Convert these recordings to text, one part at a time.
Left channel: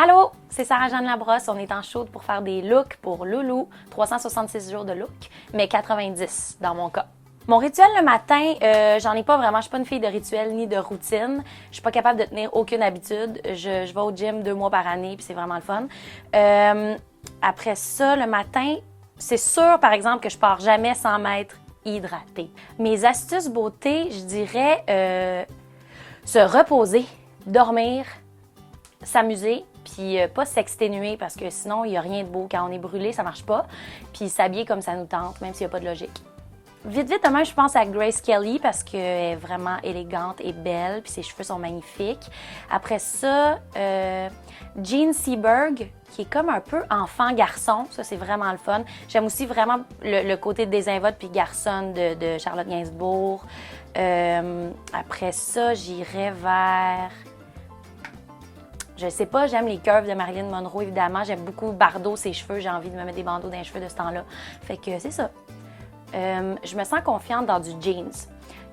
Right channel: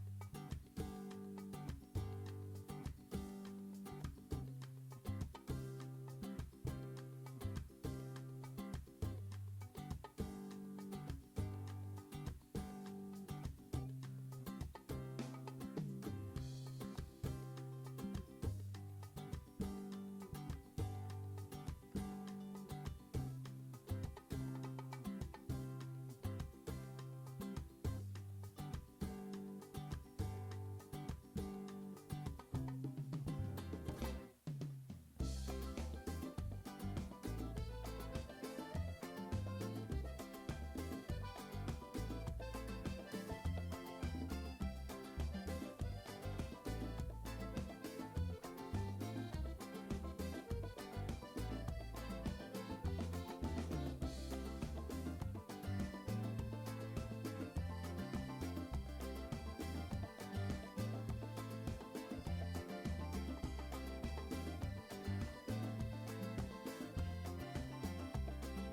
Allô, c'est Sarah-Jeanne Labrosse. On est en chaude pour faire des looks pour Loulou. 366 jours de look, mais 90 dans mon cas. Mon rituel le matin, j'en ai pas vraiment. Je suis pas une fille de rituel ni de routine. Je suis pas capable de tenir aucune habitude. Je vais au gym 2 mois par année, puis c'est vraiment le fun. Après ça, le matin, c'est sûr, par exemple, que je pars jamais sans m'être hydratée. Mes astuces beauté, je dirais se reposer, dormir, s'amuser, puis pas s'exténuer parce que sinon, il n'y a rien de beau. Quand on est brûlé, ça marche pas. Puis s'habiller comme ça nous tente, même s'il n'y a pas de logique. Vite, vite, demain, je pense à Grace Kelly parce qu'elle est vraiment élégante et belle, puis ses cheveux sont magnifiques. Après ça, Jean Seberg, qui est comme un peu enfant-garçon. Ça, c'est vraiment le fun. J'aime aussi vraiment le côté désinvolte puis garçonne de Charlotte Gainsbourg. Après ça, j'irais vers... Je sais pas, j'aime les curves de Marilyn Monroe, évidemment. J'aime beaucoup Bardot, ses cheveux. J'ai envie de me mettre des bandeaux dans les cheveux de ce temps-là. Fait que c'est ça. Je me sens confiante dans du jeans.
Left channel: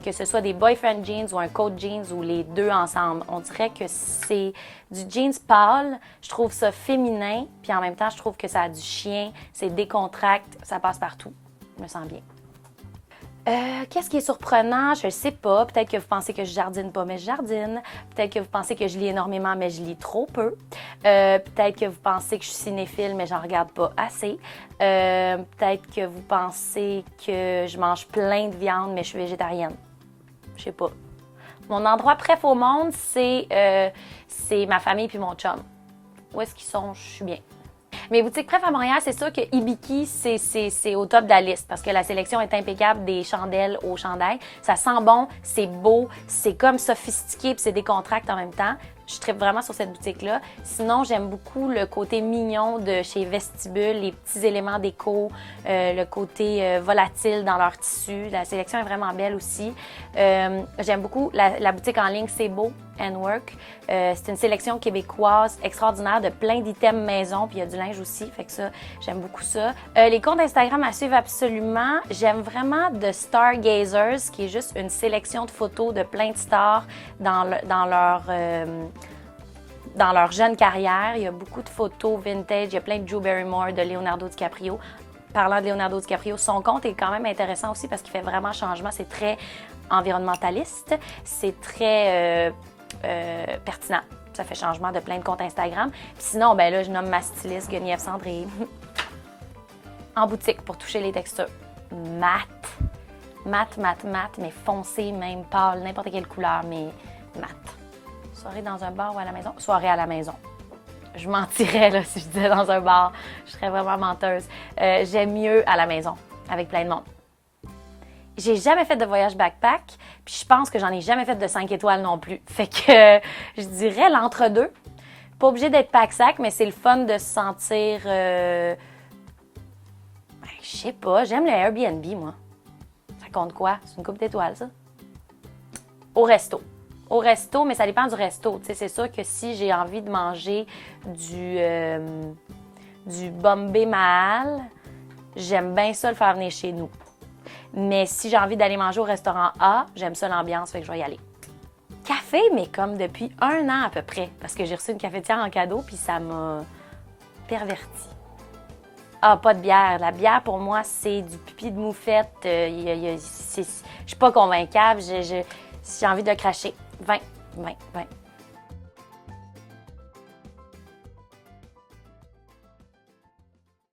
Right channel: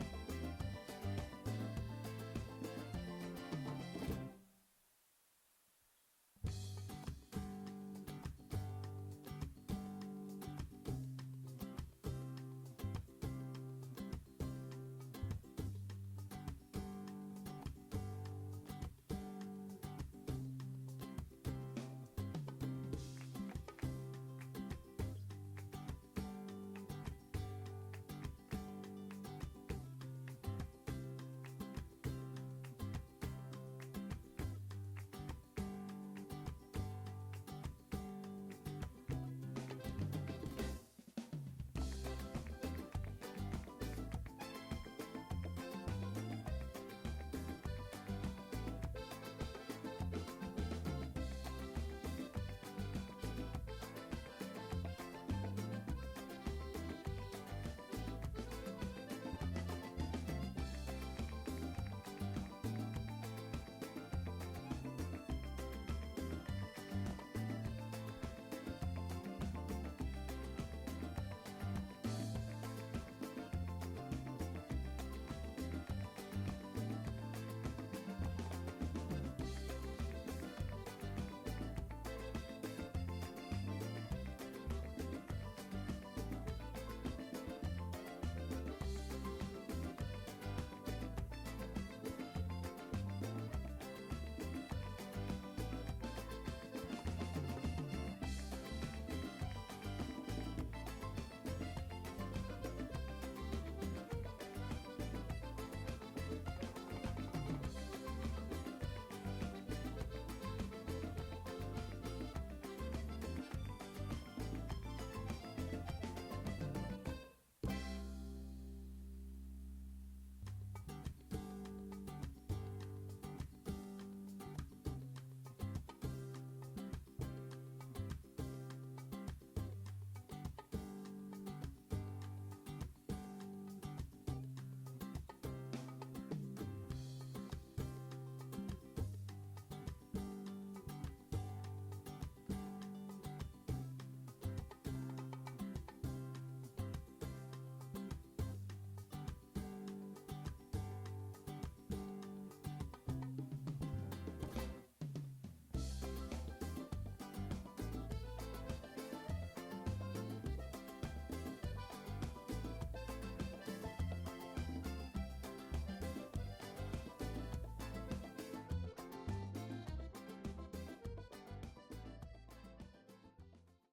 Que ce soit des boyfriend jeans ou un coat jeans ou les deux ensemble. On dirait que c'est du jeans pâle. Je trouve ça féminin. Puis en même temps, je trouve que ça a du chien. C'est décontracte. Ça passe partout. Je me sens bien. Qu'est-ce qui est surprenant? Je ne sais pas. Peut-être que vous pensez que je jardine pas, mais je jardine. Peut-être que vous pensez que je lis énormément, mais je lis trop peu. Peut-être que vous pensez que je suis cinéphile, mais j'en regarde pas assez. Peut-être que vous pensez que je mange plein de viande, mais je suis végétarienne. Je sais pas. Mon endroit préf au monde, c'est ma famille puis mon chum. Où est-ce qu'ils sont? Je suis bien. Mes boutiques préf à Montréal, c'est sûr que Ibiki, c'est au top de la liste parce que la sélection est impeccable des chandelles aux chandails. Ça sent bon, c'est beau, c'est comme sophistiqué puis c'est décontracté en même temps. Je tripe vraiment sur cette boutique-là. Sinon, j'aime beaucoup le côté mignon de chez Vestibule, les petits éléments déco, le côté volatile dans leur tissu. La sélection est vraiment belle aussi. J'aime beaucoup la boutique en ligne C'est Beau and Work. C'est une sélection québécoise extraordinaire de plein d'items maison, puis il y a du linge aussi, fait que ça, j'aime beaucoup ça. Les comptes Instagram à suivre absolument. J'aime vraiment The Stargazers, qui est juste une sélection de photos de plein de stars dans leur jeune carrière. Il y a beaucoup de photos vintage, il y a plein de Drew Barrymore, de Leonardo DiCaprio. Parlant de Leonardo DiCaprio, son compte est quand même intéressant aussi parce qu'il fait vraiment changement. C'est très environnementaliste, c'est très pertinent. Ça fait changement de plein de comptes Instagram. Puis sinon, ben là, je nomme ma styliste Guenièvre Cendré en boutique pour toucher les textures. Mat, mais foncé, même pâle, n'importe quelle couleur, mais mat. Soirée dans un bar ou à la maison? Soirée à la maison. Je mentirais là, si je disais dans un bar. Je serais vraiment menteuse. J'aime mieux à la maison, avec plein de monde. J'ai jamais fait de voyage backpack, puis je pense que j'en ai jamais fait de 5 étoiles non plus. Fait que je dirais l'entre-deux. Pas obligé d'être pack-sac, mais c'est le fun de se sentir... je sais pas, j'aime le Airbnb, moi. Ça compte quoi? C'est une coupe d'étoiles, ça? Au resto. Au resto, mais ça dépend du resto. Tu sais, c'est sûr que si j'ai envie de manger du Bombay Mahal, j'aime bien ça le faire venir chez nous. Mais si j'ai envie d'aller manger au restaurant A, j'aime ça l'ambiance, fait que je vais y aller. Café, mais comme depuis 1 an à peu près, parce que j'ai reçu une cafetière en cadeau, puis ça m'a pervertie. Ah, pas de bière. La bière, pour moi, c'est du pipi de moufette. Je suis pas convaincable. J'ai envie de cracher. 20.